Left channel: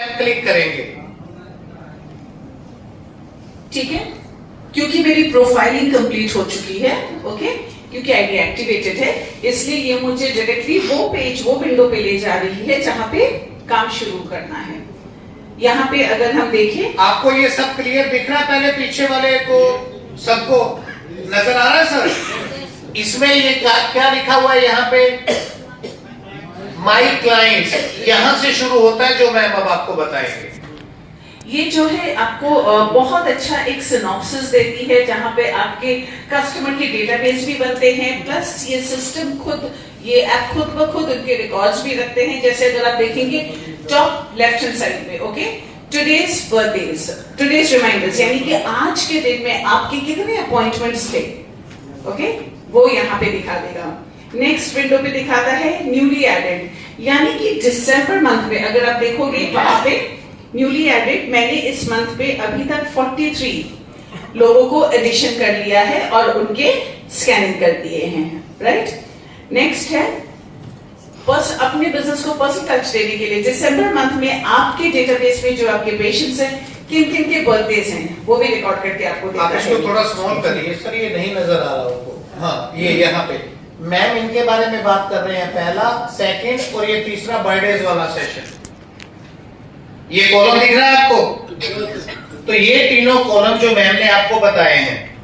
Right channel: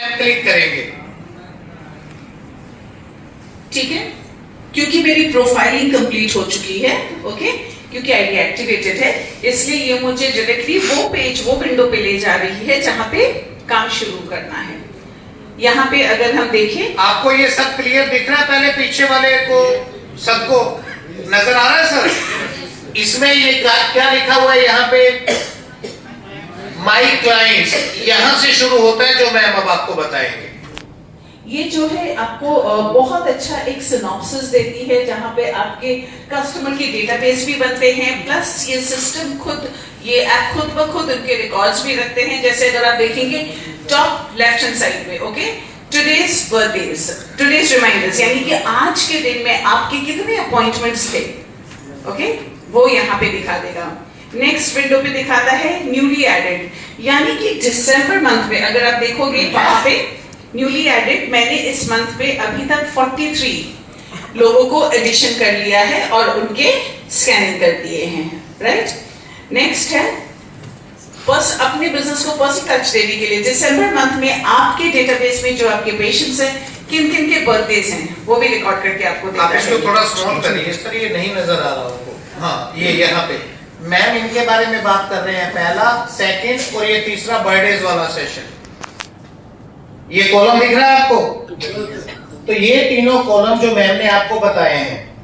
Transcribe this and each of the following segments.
Click करेंगे, ठीक है, क्योंकि मेरी प्रोफाइलिंग कंप्लीट हो चुकी है, ओके, क्योंकि आईडी एक्टिवेटेड है, इसलिए ये मुझे डायरेक्टली वो पेज, वो विंडो पे ले जा रही है जहां पे काम शुरू करना है। यहाँ पे अगर हम देखें, आपको ये सब क्लियर दिख रहा है? पहले पीछे वाले को सबको नजर आ रहा है सर? इसमें ये क्या लिखा हुआ है यहाँ पे? माई क्लाइंट्स, यहां से शुरू होता है, जो मैम अब आपको बताएंगे। ये जो है आपको बहुत अच्छा एक सिनॉप्सिस देती है, जहां पे आपके कस्टमर के डेटाबेस भी बनते हैं, प्लस ये सिस्टम खुद, ये ऐप खुद ब खुद उनके रिकॉर्ड्स भी रखते हैं। जैसे अगर आप देखेंगे टॉप लेफ्ट हैंड साइड में, okay, today's birthdays, today's reminders, यानी कि आज के दिन में आपके कितने अपॉइंटमेंट्स थे, ओके, वो यहाँ पे दिखा देगा। नेक्स्ट विंडो पे दिखाता है न्यूली एडेड, यानी कि दिसंबर मंथ में अगर आप देखोगे वहां पे न्यूली एडेड, मैंने इस मंथ पे अभी तक 43 लोगों को एडिशन कर लिया है और उनके स्कैनिंग कर दिए हैं, राइट। नेक्स्ट है बस अपने बिजनेस को पर्सनल टच देने के लिए दिसंबर मंथ में आपके डेटाबेस में जो आपके पेशेंट्स हैं, किन किन के बर्थडेज हैं, वो भी रिकॉर्ड करके आपको देता है। इसको थोड़ा स्मॉल करिए, इस तरह ये नहीं नजर आ रहा आपको। हाँ, ये यहाँ पे मैम इनके बारे में बात कर रहे हैं, पहला, सेकंड और ये तीसरा बर्थडेज वाला सेशन। ये कॉलम दिख रहा है आपको? तो ये तीनों कॉलम जो मैम ने आपको बताए हैं।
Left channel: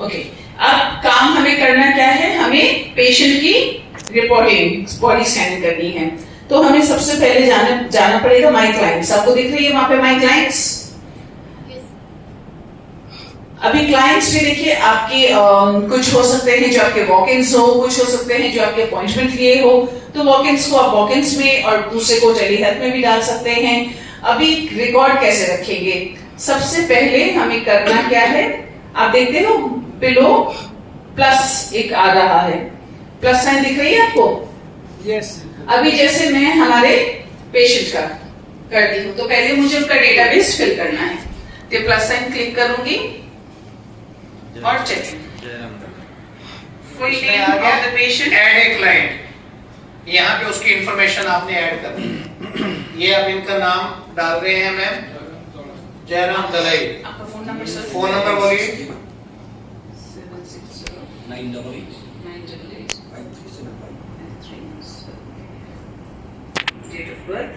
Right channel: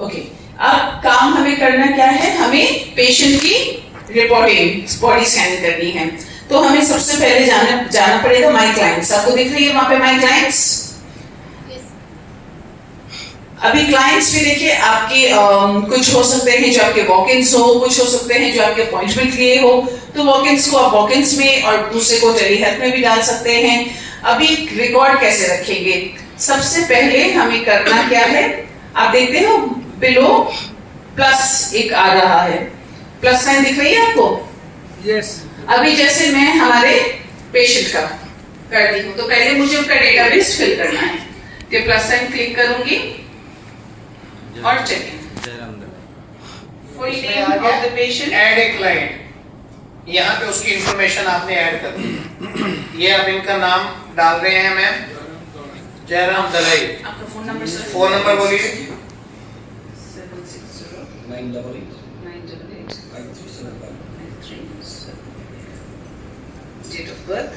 ओके, अब काम हमें करना क्या है? हमें पेशेंट की रिपोर्टिंग, बॉडी स्कैन करनी है। तो हमें सबसे पहले जाना पड़ेगा माई क्लाइंट्स। आपको दिख रही है वहां पे माई क्लाइंट्स? अभी क्लाइंट्स में देखिए आपके कुछ हो सकते हैं जो आपके वॉक-इन्स हो, कुछ हो सकते हैं जो आपके अपॉइंटमेंट लिए हो। तो वॉक-इन्स को आप वॉक-इन्स में और दूसरे को टेली हेल्थ में भी डाल सकते हैं। अभी रिकॉर्ड कैसे रखेंगे? सबसे पहले हमें करना क्या है? आप देखते हो बिलो प्लस एक आ रहा है, प्लस साइन दिख रही है आपको? यस। अभी जैसे मैं हमारे पेशेंट का कर दी हूं, तो पहले मुझे उनका डेटाबेस फिल करना है, तो प्लस साइन क्लिक करूंगी और check full name of the patient, add a client, यहाँ पे उसकी इंफॉर्मेशन आपने ऐड कर दी। ये अब इनका नाम डाल रहे हैं मैम, जयराम दलाई। आपका phone number sir? Phone number बोलिए। 760-988-5375। Date of birth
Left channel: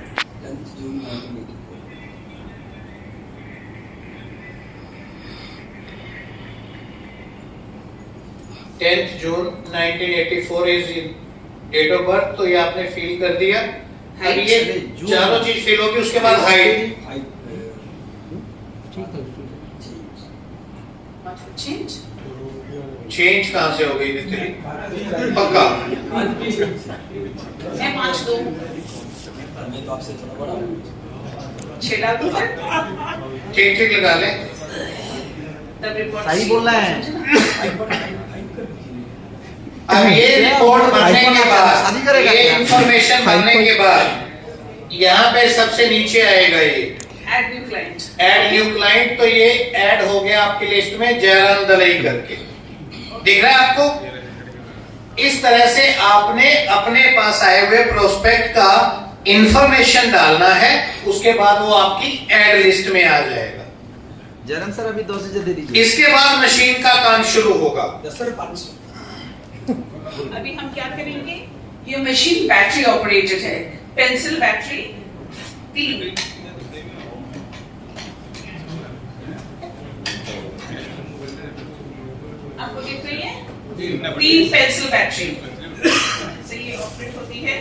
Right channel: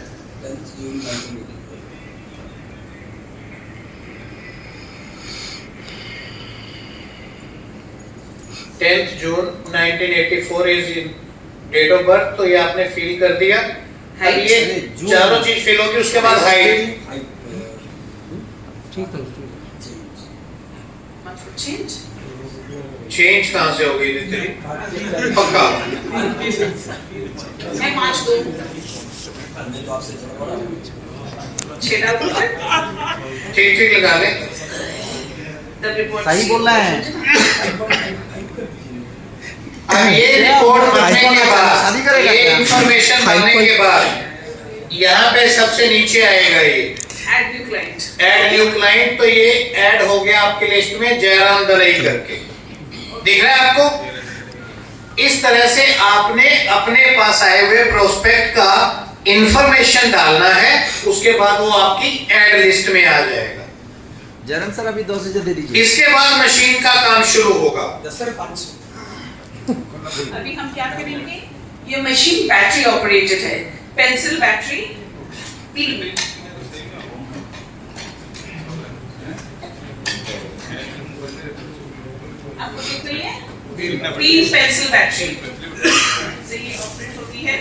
10th June 1984 is date of birth. तो ये आपने फिल कर दिया। अब ये चारों चीज फिल होगी, उसके बाद हाइट चेंज कहां से होगी दीदी? पक्का मैं 5 2 6 डाल दूं? ठीक ठीक लगा ले। सही बोल रहा है। अब ये रिपोर्ट बनने के बाद, ये इंफॉर्मेशन बनने के बाद यहाँ पे सबसे नीचे आएगा ये add new client. Add new client. तो ये ऐड हो गया आपकी लिस्ट में जयराम दलाई करके, दिख रहा है आपको? इस तरह से आपने अपने पास आए हुए प्रोस्पेक्ट का इंफॉर्मेशन डालना है, उसके बाद वो आपकी ऐड लिस्ट में आ जाएगा। जयराम सर अभी 2 से दे दीजिए। इसके बाद मशीन का काम शुरू होगा। 10 सर 500। अभी हम क्या करेंगे? ये मशीन बैटरी ऑपरेटेड है, पेंसिल बैटरी 3 आपको दिख रही है? 3 पेंसिल बैटरी से ये ऑपरेट होती है।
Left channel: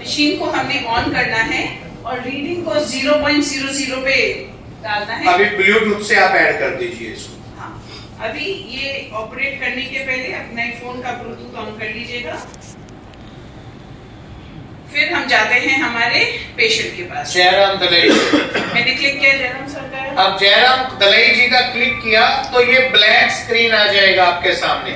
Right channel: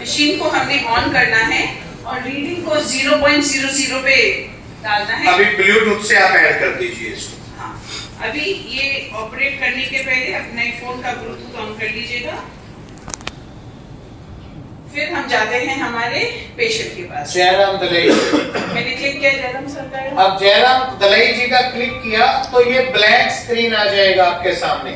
मशीन को हमने ऑन करना है और रीडिंग को 0.00 पे डालना है। अभी ब्लूटूथ से आप ऐड कर दीजिए इसको। हाँ, अभी ये ऑपरेट करने के पहले अपने फोन का ब्लूटूथ ऑन कर लीजिएगा। फिर हम जाते हैं हमारे पेशेंट के पास। जयराम दलाई, मैंने क्लिक किया जयराम सर का। अब जयराम दलाई जी का क्लिक किया तो ये ब्लैंक स्क्रीन आ जाएगा आपके सामने।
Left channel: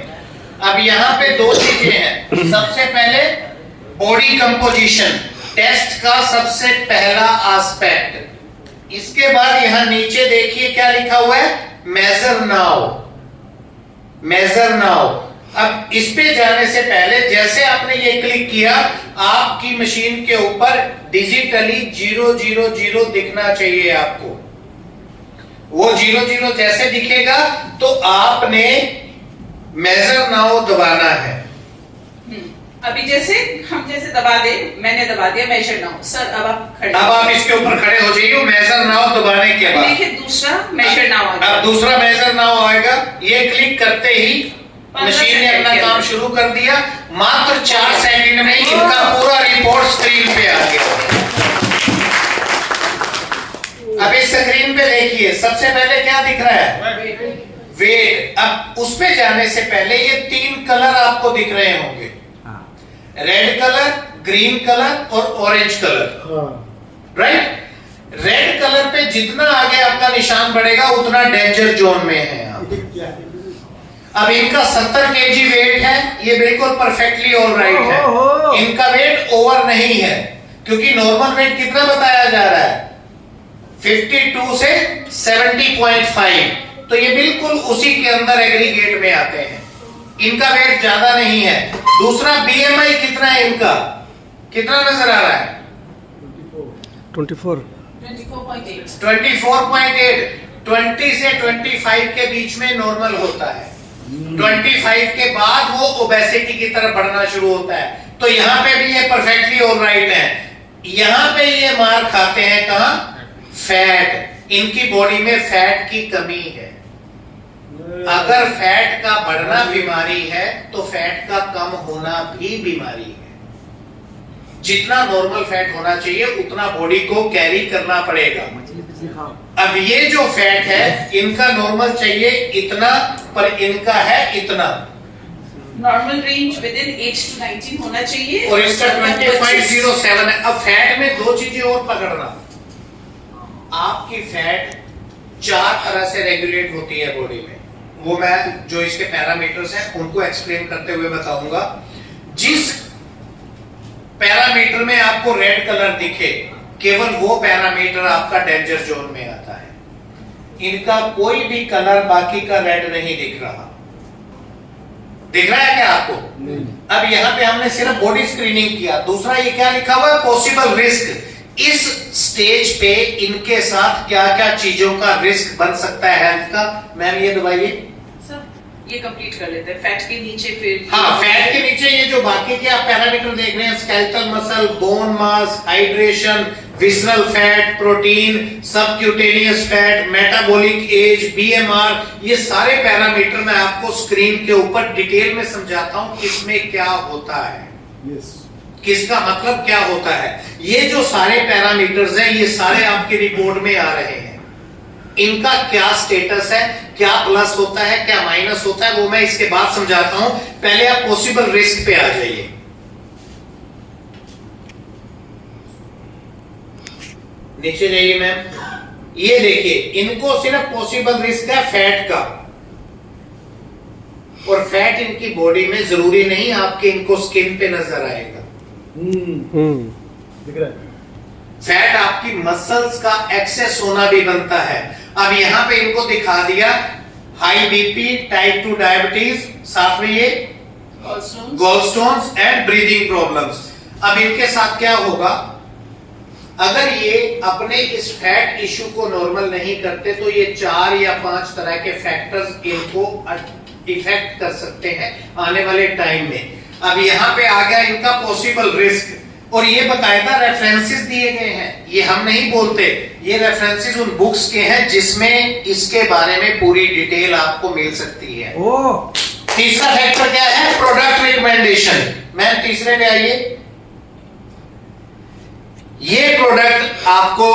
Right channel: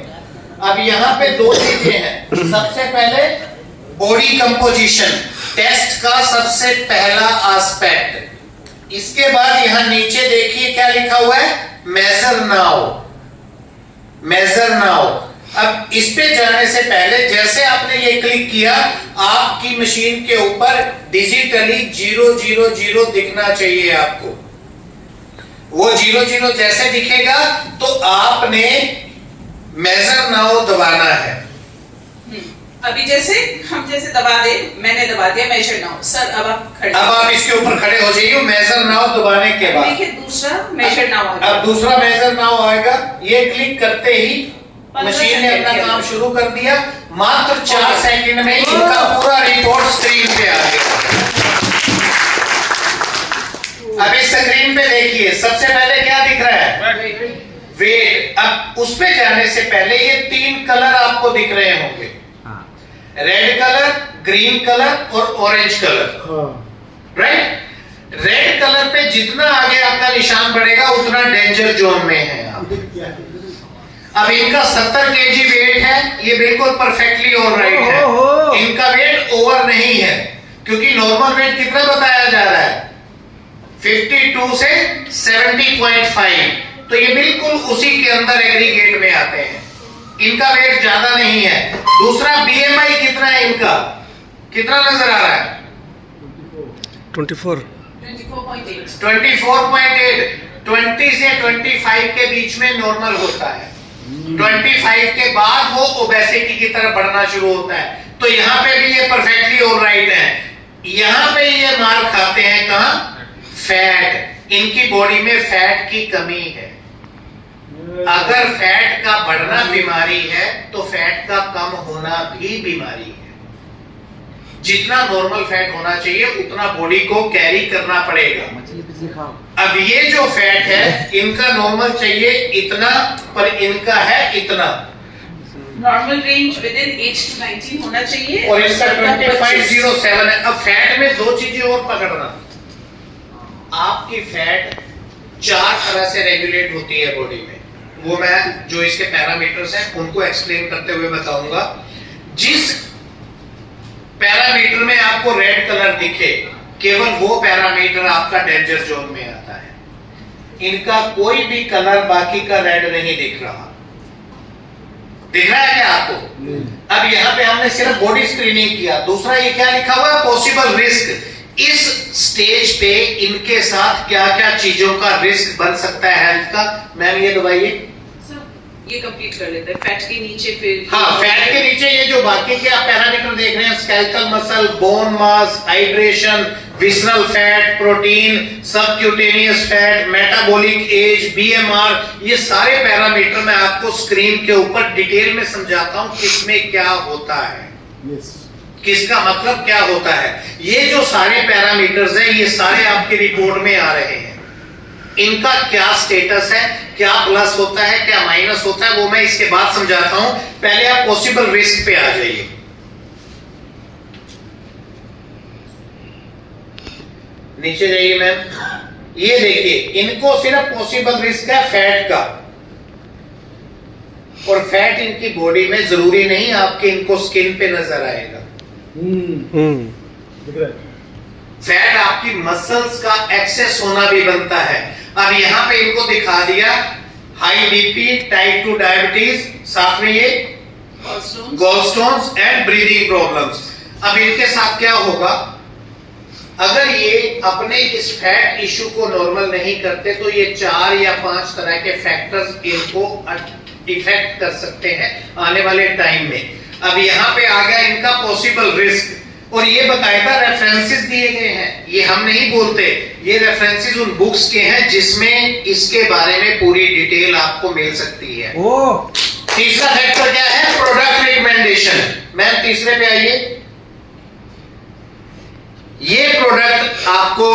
अब यहाँ पे 2 चीजें हैं। सबसे पहले बॉडी कंपोजिशन, टेस्ट का सबसे पहला एस्पेक्ट। इसके बाद यहां नीचे देखिए क्या लिखा हुआ है, मेजर नाउ। Major now. अब इस पे जाने से पहले जैसे आपने ये क्लिक किया, आपकी मशीन के ऊपर डिजिटली 000 दिखना चाहिए आपको। वो 000 जैसे दिखेगा तो आपने मेजर नाउ दबाना है। अभी जैसे हम जैसे दबा दे, मैंने दबा दिया मेजर नाउ। सर अब आप खड़े, अब आप इसके ऊपर खड़े हो जाइए। मेजर नाउ दबाने के बाद देखिए दूसरा मेजर नाउ आ गया। अब दूसरा मेजर नाउ आएगा। ये क्लिक करते ही मशीन ने अपना काम शुरू कर दिया। मात्र 4 सेकंड में इनका पूरा रिपोर्ट स्क्रीन पे आ गया। अब इस स्क्रीन पे देखिए, सबसे पहले क्या दिख रहा है? वेट। अब उस पे जाने से पहले ये 3 कलर आपको दिख रहे होंगे, रेड कलर, ग्रीन कलर और orange colour, right? Red colour पे जितना आगे आपका निशान बढ़ेगा उतना डेंजर जोन में है आप। अब इनका 70 kg वेट है, ये बिल्कुल परफेक्टली ऑल राइट है। इनका वेट ओवर नहीं है, क्योंकि नॉर्मल वेट कितना बताया जा रहा है? 52 से 70.5, तो ये बिल्कुल उसी के अंदर एग्रीगेट में आते हैं। इनका वेट ज्यादा नहीं है। दूसरा BMI कितना है इनका? कितना नजर आ रहा है? 24.8। 24.8। 20 से 25 के बीच में नॉर्मल होता है। 25 के बाद वो ओबेसिटी की तरफ बढ़ना शुरू होता है। तो यहाँ पे भी ये परफेक्टली ऑलराइट है। यहाँ पे ये मार खाते हैं कहाँ? फैट। इनकी बॉडी में फैट की कमी है। अगर फैट का बढ़ना बीमारी है तो फैट का कम होना भी बीमारी है। जितना नॉर्मल फैट होना चाहिए उतना बॉडी को कैरी करना पड़ेगा। अब ये जो फैट है इनका नॉर्मल चाहिए इतना, पर इनका है इतना। Normal range with in 8 to 19 होना चाहिए और इसका 2507 है। अब फैट में 2 चीजें और पकड़ना। आपकी फैट 4 तरह से रेगुलेट होती है बॉडी में। वो मैं जो इसके पैरामीटर्स हैं उनको एक्सप्लेन करते हुए बताऊंगा। जिस पैरामीटर में आपको रेड कलर दिखे, केवल वो पैरामीटर आपका डेंजर जोन में आता है। इनका कोई भी कलर बाकी का रेड नहीं दिख रहा। दिख रहा है क्या आपको? अब यहाँ पे हमने सिर्फ बॉडी स्क्रीनिंग किया। दूसरा ये क्या लिखा हुआ है? Possible risk. इस स्टेज पे इनके साथ क्या क्या चीजों का रिस्क बन सकता है हेल्थ का? मैम ये दबाइए। ये कंप्लीट कर लेते हैं। फैट के नीचे फिर, हाँ, फैट के नीचे ये जो बाकी के आप पैरामीटर देख रहे हैं, skeletal muscle, bone mass, hydration, visceral fat, protein, subcutaneous fat, metabolic age, BMR, ये सारे पैरामीटर मैं आपको स्क्रीन के ऊपर डिटेल में समझाता हूं किसमें क्या होता है। किसका मतलब क्या होता है। ये जो सारे पैरामीटर्स हैं ये सारे आपकी रिपोर्ट में आ रहे हैं। इनका क्या स्टेटस है, क्या प्लस होता है, क्या माइनस होता है, वो मैं इसके बाद समझाता हूं। पहले आप पॉसिबल रिस्क पे आ जाइए। नीचे जाइए मैम। ये देखिए, इनको सिर्फ पॉसिबल रिस्क है फैट का, और फैट इनकी बॉडी में जरूरी नहीं आपके इनको स्किन पे नजर आएगा। फैट आपकी मसल्स का एक्सेस होना भी बनता है। अब यहां पे इनको दिखा दिया हाई बीपी, टाइप 2 डायबिटीज, साथ में ये गॉलस्टोन्स एंड ब्रीदिंग प्रॉब्लम्स। अब इनके साथ क्या होगा? अगर ये अपने इस फैट इश्यू को नॉर्मल नहीं करते तो ये 4 या 5 तरह के फैक्टर्स इनको इफेक्ट कर सकते हैं आने वाले टाइम में। अब यहाँ पे आ गया इनका पॉसिबल रिस्क, और ये बकायदा रेफरेंसेस दिए गए हैं। ये हम नहीं बोलते, ये रेफरेंसेस उन बुक्स के हैं जिसमें इसके बारे में पूरी डिटेल आपको मिल सकती है। तीसरा फैक्टर क्या है? Product recommendation. मैम तीसरे पे आइए। ये प्रोडक्ट आपको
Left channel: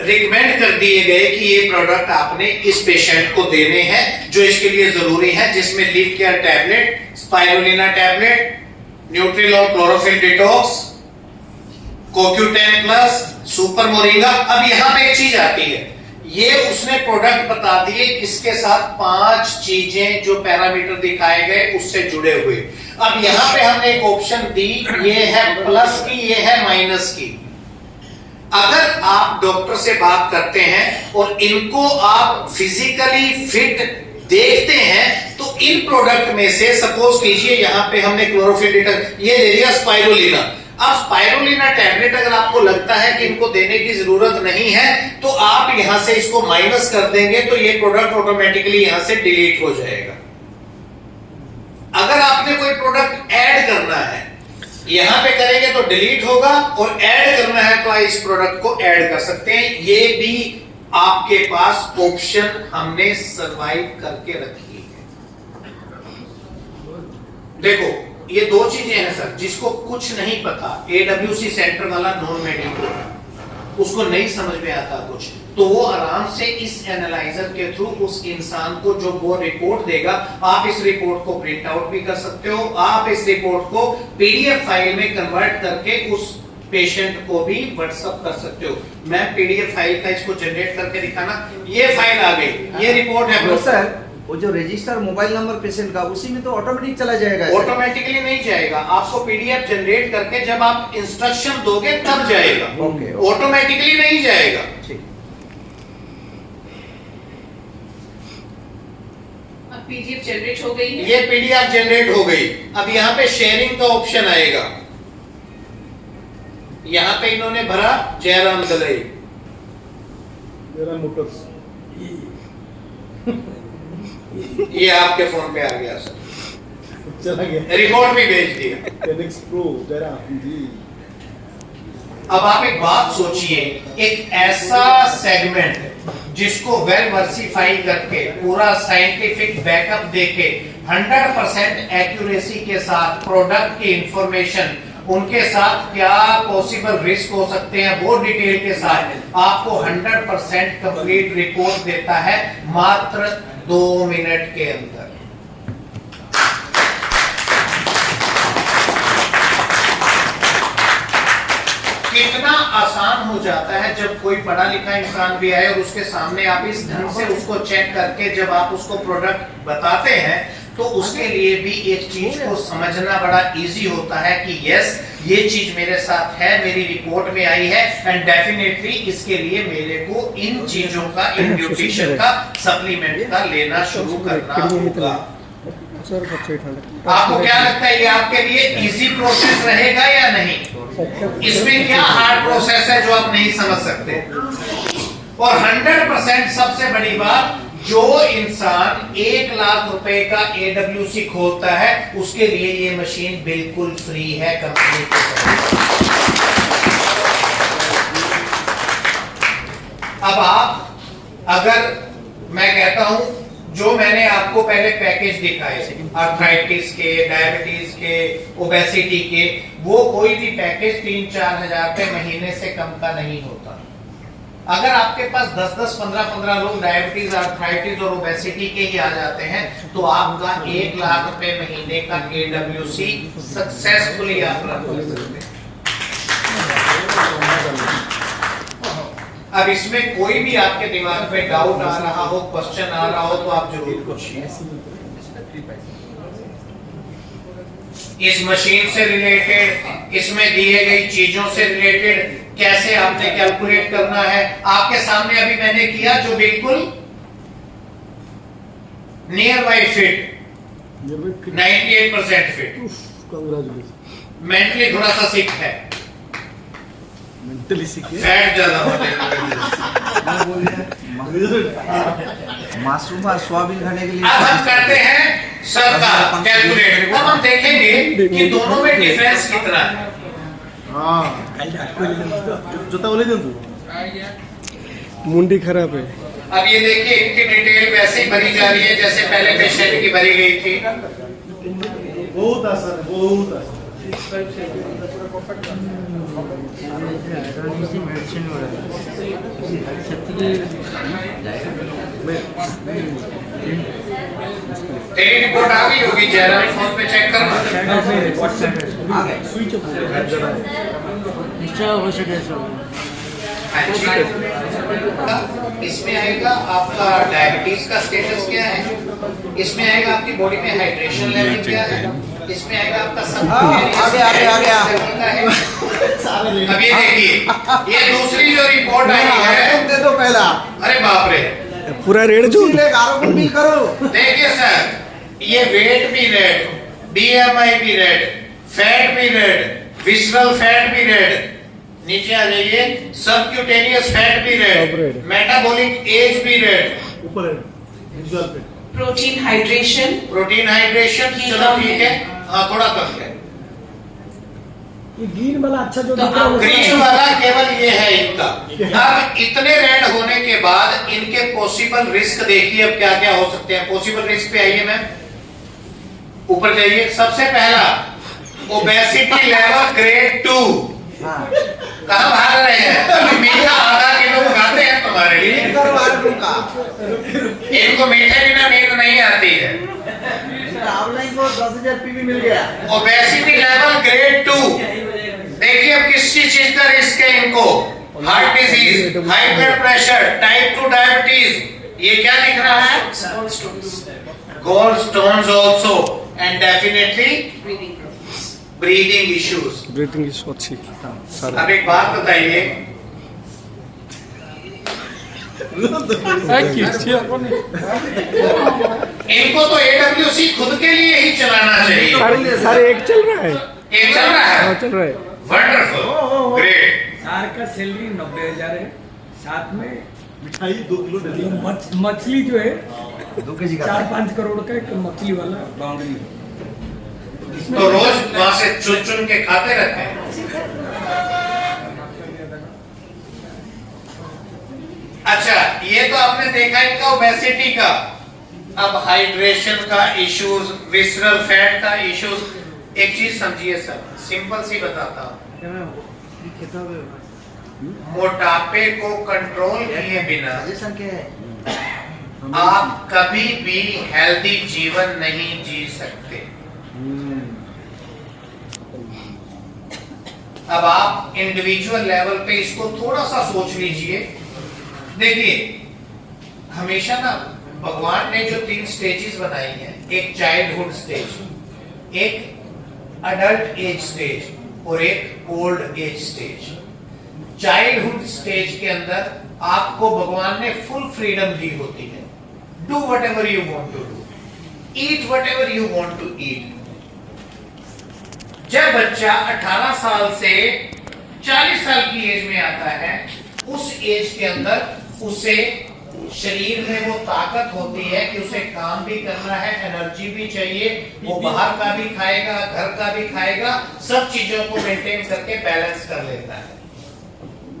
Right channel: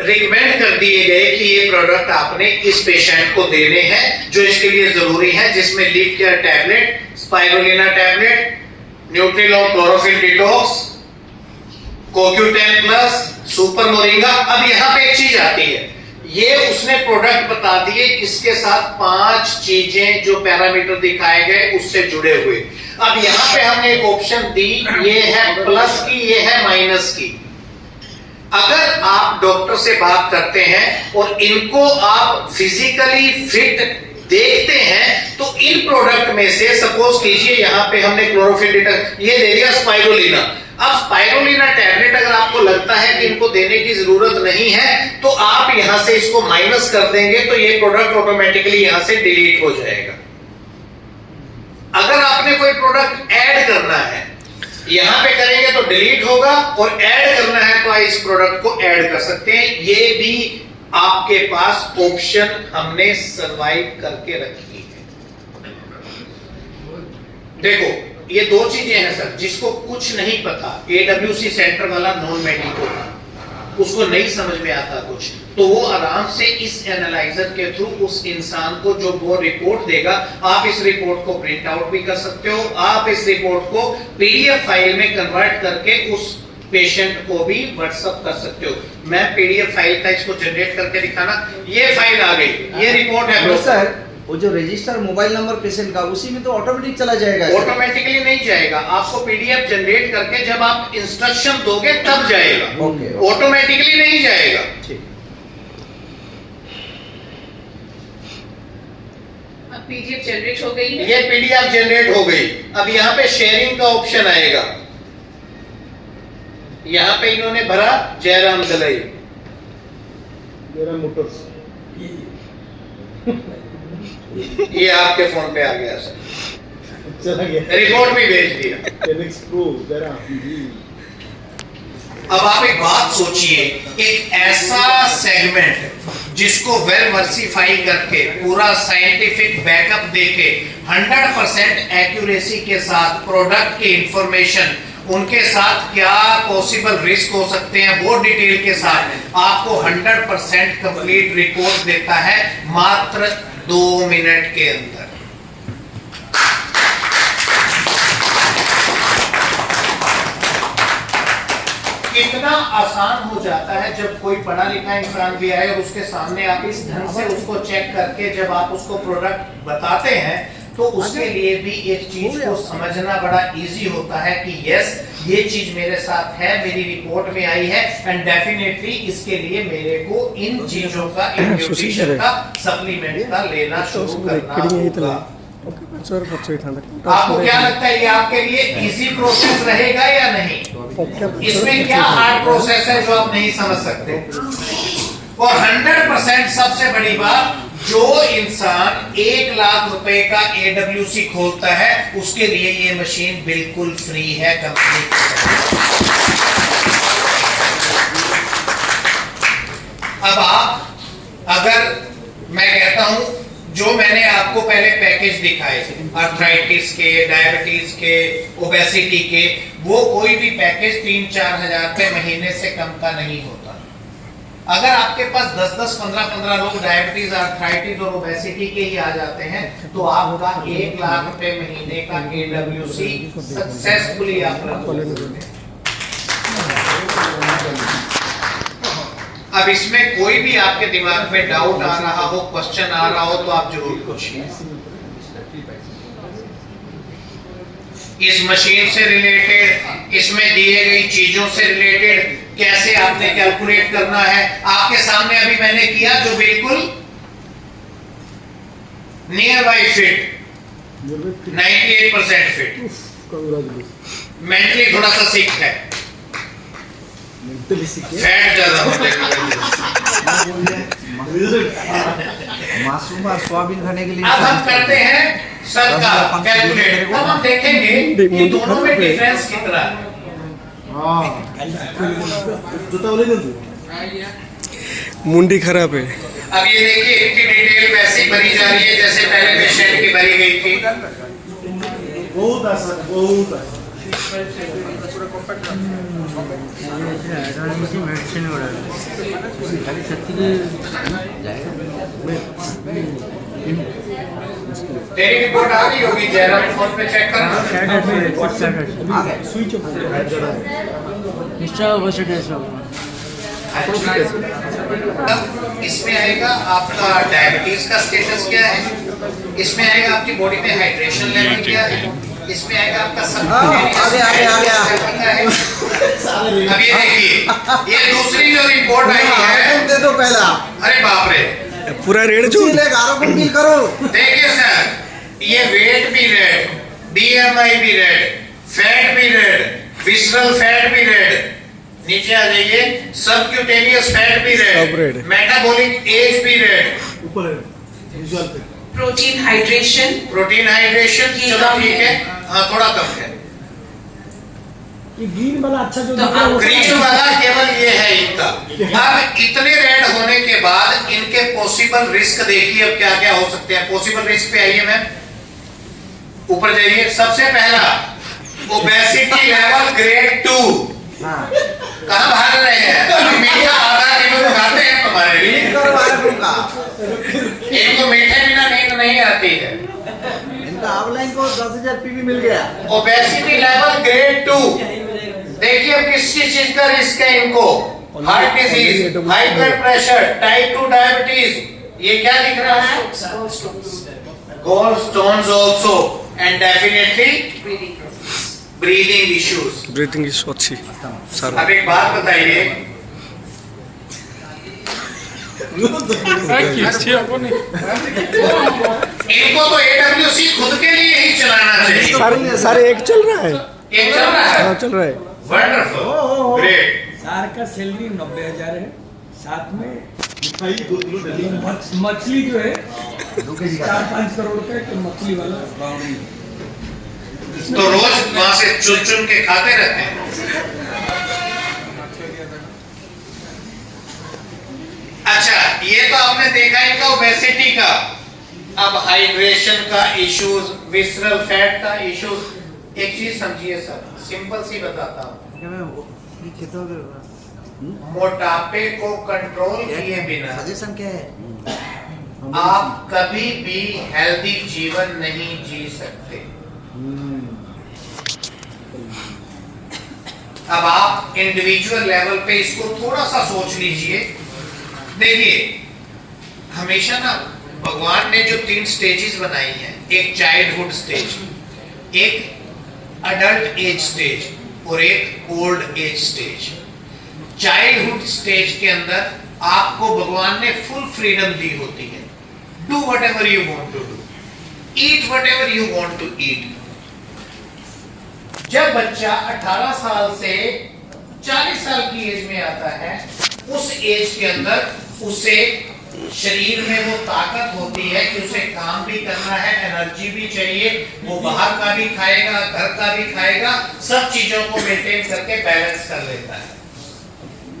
रिकमेंड कर दिए गए कि ये प्रोडक्ट आपने इस पेशेंट को देने हैं, जो इसके लिए जरूरी है, जिसमें leaf care tablet, spirulina tablet, Nutrilon chlorophyll detox, CoQ10 plus, super moringa. अब यहां पे एक चीज आती है, ये उसने प्रोडक्ट बता दिए, इसके साथ 5 चीजें जो पैरामीटर दिखाए गए उससे जुड़े हुए। अब यहां पे हमने एक ऑप्शन दी, ये है प्लस की, ये है माइनस की। अगर आप डॉक्टर से बात करते हैं और इनको आप फिजिकली फिट देखते हैं तो इन प्रोडक्ट में से सपोज कीजिए यहाँ पे हमने क्लोरोफिल ये दे दिया स्पाइरुलिना। अब स्पाइरुलिना टैबलेट अगर आपको लगता है कि इनको देने की जरूरत नहीं है तो आप यहां से इसको माइनस कर देंगे तो ये प्रोडक्ट ऑटोमेटिकली यहां से डिलीट हो जाएगा। अगर आपने कोई प्रोडक्ट ऐड करना है यहां पे करेंगे तो डिलीट होगा, और ऐड करना है तो इस प्रोडक्ट को ऐड कर सकते हैं। ये भी आपके पास ऑप्शन हमने सर्वाइव करके रखी है। देखो ये दो चीजें हैं सर, जिसको कुछ नहीं पता, एडब्ल्यूसी सेंटर वाला नॉन मेडिकल उसको नहीं समझ में आता कुछ, तो वो आराम से इस एनालाइजर के थ्रू उस इंसान को जो वो रिपोर्ट देगा, आप इस रिपोर्ट को प्रिंट आउट भी कर सकते हो, आप इस रिपोर्ट को पीडीएफ फाइल में कन्वर्ट करके उस पेशेंट को भी व्हाट्सएप कर सकते हो। मैं पीडीएफ फाइल का इसको जनरेट करके दिखाना, ये फाइल आ गई, ये रिपोर्ट है सर। वो जो रजिस्टर मोबाइल नंबर पेशेंट का उसी में तो ऑटोमेटिक चला जाएगा। ऑटोमेटिकली नहीं जाएगा, आपको पीडीएफ जनरेट करके जब आप इंस्ट्रक्शन दोगे तब जाएगा, ऑटोमेटिकली नहीं जाएगा। ठीक। अब पीडीएफ जनरेट हो गई है, ये पीडीएफ जनरेट हो गई। अब यहाँ पे शेयरिंग का ऑप्शन आएगा, यहाँ पे इन्होंने भरा जयराम दलई, जयराम मोटर्स, ये आपके फोन पे आ गया सर, चला गया, रिकॉर्ड भी भेज दिया। टेनिक्स प्रो जयराम जी। अब आप एक बात सोचिए, एक ऐसा सेगमेंट जिसको वेल वर्सिफाई करके पूरा साइंटिफिक बैकअप देके 100% एक्यूरेसी के साथ प्रोडक्ट की इंफॉर्मेशन, उनके साथ क्या पॉसिबल रिस्क हो सकते हैं वो डिटेल के साथ आपको 100% कंप्लीट रिपोर्ट देता है मात्र 2 मिनट के अंदर। कितना आसान हो जाता है जब कोई पढ़ा लिखा इंसान भी आए और उसके सामने आप इस ढंग से उसको चेक करके जब आप उसको प्रोडक्ट बताते हैं तो उसके लिए भी एक चीज को समझना बड़ा इजी होता है कि यस ये चीज मेरे साथ है, मेरी रिपोर्ट में आई है, एंड डेफिनेटली इसके लिए मेरे को इन चीजों का, इन न्यूट्रिशन का, सप्लीमेंट का लेना शुरू करना होगा। आपको क्या लगता है ये आपके लिए इजी प्रोसेस रहेगा या नहीं? इसमें क्या हार्ड प्रोसेस है जो आप नहीं समझ सकते? और 100% सबसे बड़ी बात, जो इंसान 1 लाख रुपए का एडब्ल्यूसी खोलता है उसके लिए ये मशीन बिल्कुल फ्री है कंपनी की तरफ। अब आप, अगर मैं कहता हूं जो मैंने आपको पहले पैकेज दिखाए थे आर्थराइटिस के, डायबिटीज के, ओबेसिटी के, वो कोई भी पैकेज 3-4 हजार रुपए महीने से कम का नहीं होता। अगर आपके पास 10-10, 15-15 लोग डायबिटीज, आर्थराइटिस और ओबेसिटी के ही आ जाते हैं तो आपका 1 लाख रुपए महीने का एडब्ल्यूसी सक्सेसफुली आप रन कर सकते हैं। अब इसमें कोई भी आपके दिमाग में डाउट आ रहा हो, क्वेश्चन आ रहा हो तो आप जरूर पूछिए। इस मशीन से रिलेटेड, इसमें दिए गई चीजों से रिलेटेड कैसे आपने कैलकुलेट करना है, आपके सामने अभी मैंने किया जो बिल्कुल near by fit, 98% fit. Mentally थोड़ा सा सिक है, फैट ज्यादा होते मासूम सोयाबीन खाने के लिए। अब हम करते हैं सर का कैलकुलेट, अब हम देखेंगे कि दोनों में डिफरेंस कितना है। जोता बोले तू मुंडी खराब है। अब ये देखिए इनकी डिटेल वैसे ही भरी जा रही है जैसे पहले पेशेंट की भरी गई थी। बहुत आसान, बहुत आसान। तेरी रिपोर्ट आ गई होगी, जयराम फोन पे चेक करना। इसमें आएगा आपका डायबिटीज का स्टेटस क्या है, इसमें आएगा आपकी बॉडी में हाइड्रेशन लेवल क्या है, इसमें आएगा आपका सब है। अब ये देखिए, ये दूसरी जो रिपोर्ट आई है, दे दो पहला। अरे बाप रे, पूरा रेड जो करो। देखिए सर, ये वेट भी रेड, BMI भी रेड, फैट भी रेड, विसरल फैट भी रेड, नीचे आ जाइए, सबक्यूटेनियस फैट भी सब रेड, red। मेटाबॉलिक एज भी रेड, ऊपर है विजुअल पे प्रोटीन हाइड्रेशन, प्रोटीन हाइड्रेशन ये चलो कम ठीक है। है, हाँ थोड़ा कम है। ये ग्रीन वाला अच्छा जो तो दिख रहा है आप वो ग्रीन वाला केवल ये है इनका। अब इतने रेड होने के बाद इनके पॉसिबल रिस्क देखिए अब क्या क्या हो सकते हैं। पॉसिबल रिस्क पे आइए मैम, ऊपर जाइए। सबसे पहला ओबेसिटी लेवल ग्रेड 2। कहां भाग रहे हैं? मीठा आधा किलो खाते हैं तुम्हारे लिए। इनको मीठे बिना नींद नहीं आती है। इनका ऑनलाइन को 10,000 पीवी मिल गया। Obesity level grade 2। देखिए अब किस चीज का रिस्क है इनको। Heart disease, high blood pressure, type 2 diabetes. ये क्या दिख रहा है? Gallstones also and definitely breathing issues. Breathing issue अच्छी सारा। अब एक बात बताइए, इनको तो AWC खुद के लिए ही चलाना चाहिए। सर एक चल रहा है। एक चल रहा है, हाँ चल रहा है। Wonderful, great. सार का सैलरी 90,000 है। साथ में मिठाई 2 किलो दे दी। मछली जो है 2 केजी का 4-5 करोड़ का एक मछली वाला तो रोज वहां से चुन चुन के खाते रहते हैं। अच्छा, ये तो आपने देखा इनका ओबेसिटी का। अब हाइड्रेशन का इश्यूज, विसरल फैट का इश्यूज। एक चीज समझिए सर, सिंपल सी बताता हूं, मोटापे को कंट्रोल किए बिना सजेशन क्या है? आप कभी भी हेल्दी जीवन नहीं जी सकते। अब आप इंडिविजुअल लेवल पे इसको थोड़ा सा सोच लीजिए। देखिए, हमेशा ना भगवान ने जो 3 स्टेजेस बनाई हैं, एक चाइल्डहुड स्टेज, एक अडल्ट एज स्टेज और एक old age stage. Childhood stage के अंदर आपको भगवान ने फुल फ्रीडम दी होती है। Do whatever you want to do, eat whatever you want to eat. जब बच्चा 18 साल से 40 साल की एज में आता है, उस एज के अंदर उसे शरीर में वो ताकत होती है कि उसे काम भी करना है, एनर्जी भी चाहिए, वो बाहर का भी खाएगा, घर का भी खाएगा, सब चीजों को मेंटेन करके बैलेंस कर लेता है।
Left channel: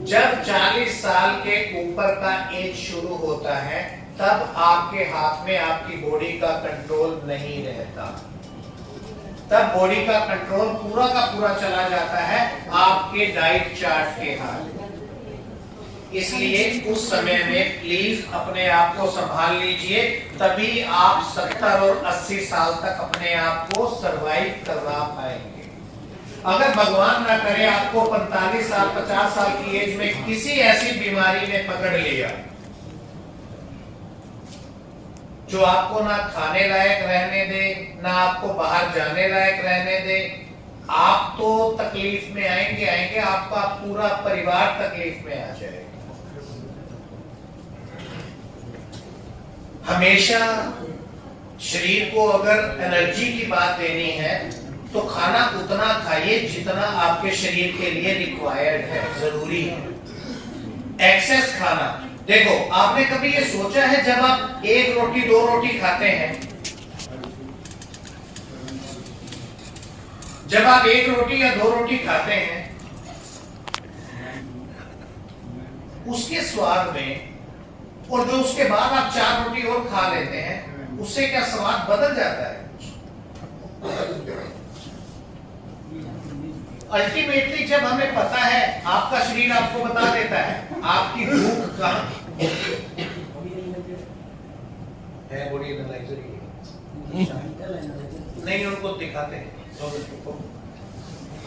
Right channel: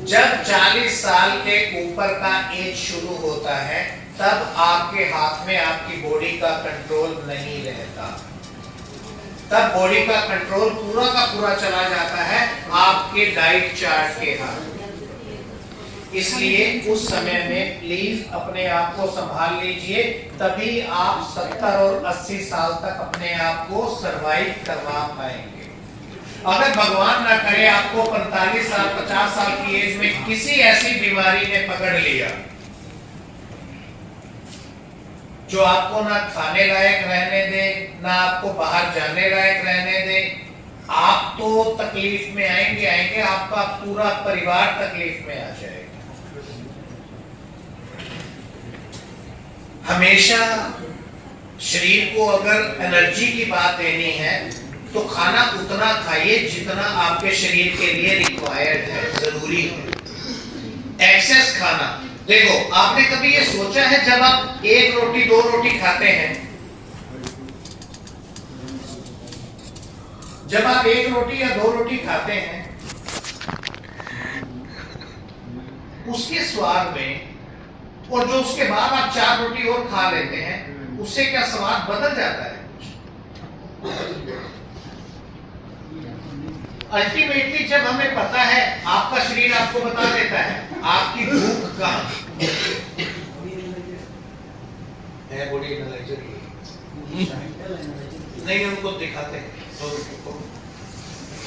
जब 40 साल के ऊपर का एज शुरू होता है, तब आपके हाथ में आपकी बॉडी का कंट्रोल नहीं रहता। तब बॉडी का कंट्रोल पूरा का पूरा चला जाता है आपके डाइट चार्ट के हाथ। इसलिए उस समय में प्लीज अपने आप को संभाल लीजिए, तभी आप 70 और 80 साल तक अपने आप को सरवाइव करवा पाएंगे। अगर भगवान ना करे आपको 45 साल 50 साल की एज में किसी ऐसी बीमारी ने पकड़ लिया जो आपको ना खाने लायक रहने दे, ना आपको बाहर जाने लायक रहने दे, आप तो तकलीफ में आएंगे, आपका पूरा परिवार तकलीफ में आ जाएगा। हमेशा शरीर को अगर एनर्जी की बात देनी है तो खाना उतना खाइए जितना आपके शरीर के लिए रिक्वायर्ड है, जरूरी है। एक्सेस खाना, देखो आपने कभी ये सोचा है जब आप 1 रोटी 2 रोटी खाते हैं, जब आप 1 रोटी या 2 रोटी खाते हैं, उसके स्वाद में और जो उसके बाद आप 4 रोटी और खा लेते हैं, उससे क्या स्वाद बदल जाता है? अल्टीमेटली जब हमें पता है, आपका शरीर आपको बता देता है आपकी भूख कहाँ है। बॉडी एनालाइजर नहीं, उनको दिखाते हैं।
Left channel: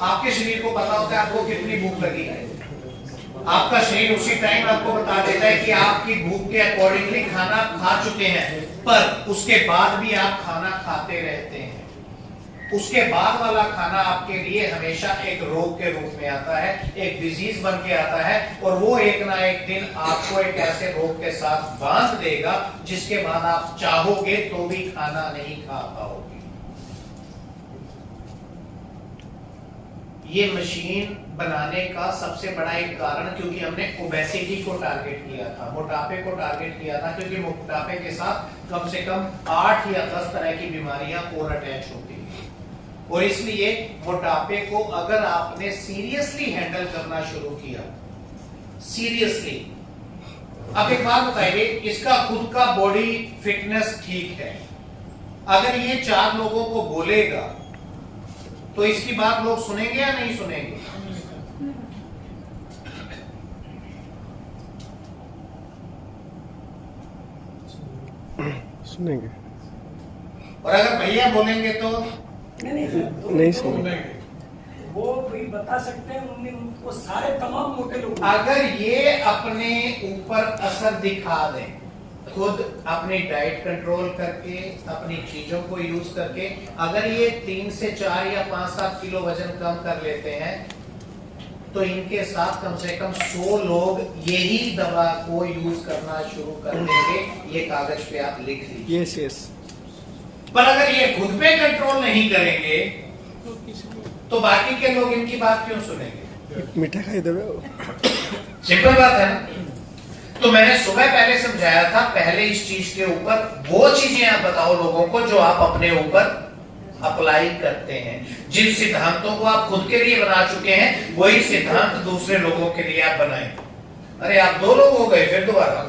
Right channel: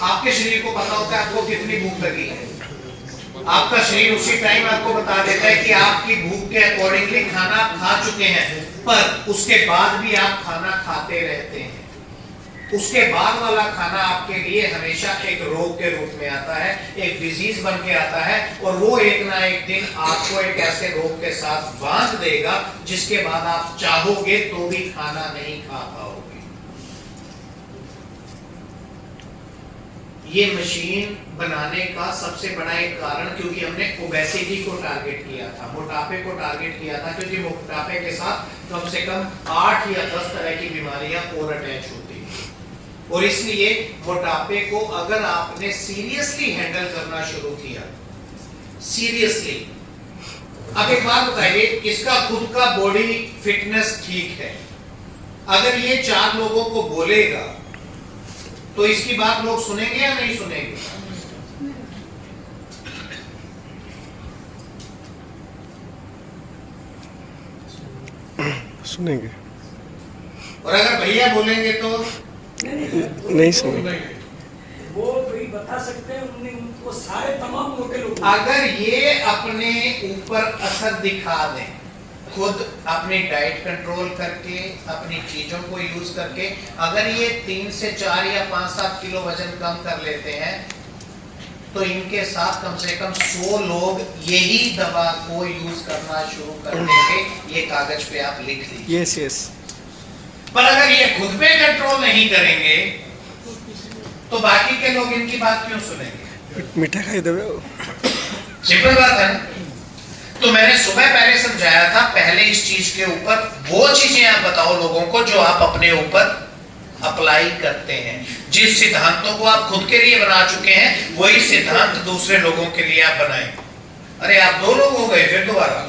आपके शरीर को पता होता है आपको कितनी भूख लगी है। आपका शरीर उसी टाइम आपको बता देता है कि आपकी भूख के अकॉर्डिंगली खाना खा चुके हैं, पर उसके बाद भी आप खाना खाते रहते हैं। उसके बाद वाला खाना आपके लिए हमेशा एक रोग के रूप में आता है, एक डिजीज बन के आता है, और वो एक ना एक दिन आपको एक ऐसे रोग के साथ बांध देगा जिसके बाद आप चाहोगे तो भी खाना नहीं खा पाओगे। ये मशीन बनाने का सबसे बड़ा एक कारण, क्योंकि हमने ओबेसिटी को टारगेट किया था, मोटापे को टारगेट किया था, क्योंकि मोटापे के साथ कम से कम 8 या 10 तरह की बीमारियां और अटैच होती हैं। और इसलिए मोटापे को अगर आपने सीरियसली हैंडल करना शुरू किया, सीरियसली, अब एक बात बताइए, इसका खुद का बॉडी फिटनेस ठीक है, अगर ये 4 लोगों को बोलेगा तो इसकी बात लोग सुनेंगे या नहीं सुनेंगे? सुनेंगे। और अगर भैया बोलेंगे तो नहीं सुनेंगे। वो कोई बता सकते हैं, उन्हें उनको सारे तमाम मोटे लोग, अगर ये अपने ऊपर असर दिखा दें, खुद अपनी डाइट कंट्रोल करके, अपनी चीजों को यूज करके, अगर ये 3 से 4 या 5-7 किलो वजन कम कर लेते हैं तो इनके साथ कम से कम 100 लोग यही दवा को यूज करना शुरू कर देंगे। ये कागज पे आप लिख लीजिए। Yes yes. पर अगर ये खुद पे कंट्रोल नहीं करेंगे तो बाकी के लोग इनकी बात क्यों सुनेंगे? मीठा खाई देवे। सिंपल बात है ना। तो मैंने सुबह पहले समझाया था, पहले इस चीज के ऊपर वो चीजें आप बताओ लोगों को जो आप अपने ऊपर अप्लाई करते हैं। जिस सिद्धांतों को आप खुद के लिए बना चुके हैं वही सिद्धांत दूसरे लोगों के लिए आप बनाएं। अरे आप 2 लोग हो गए फिर दोबारा।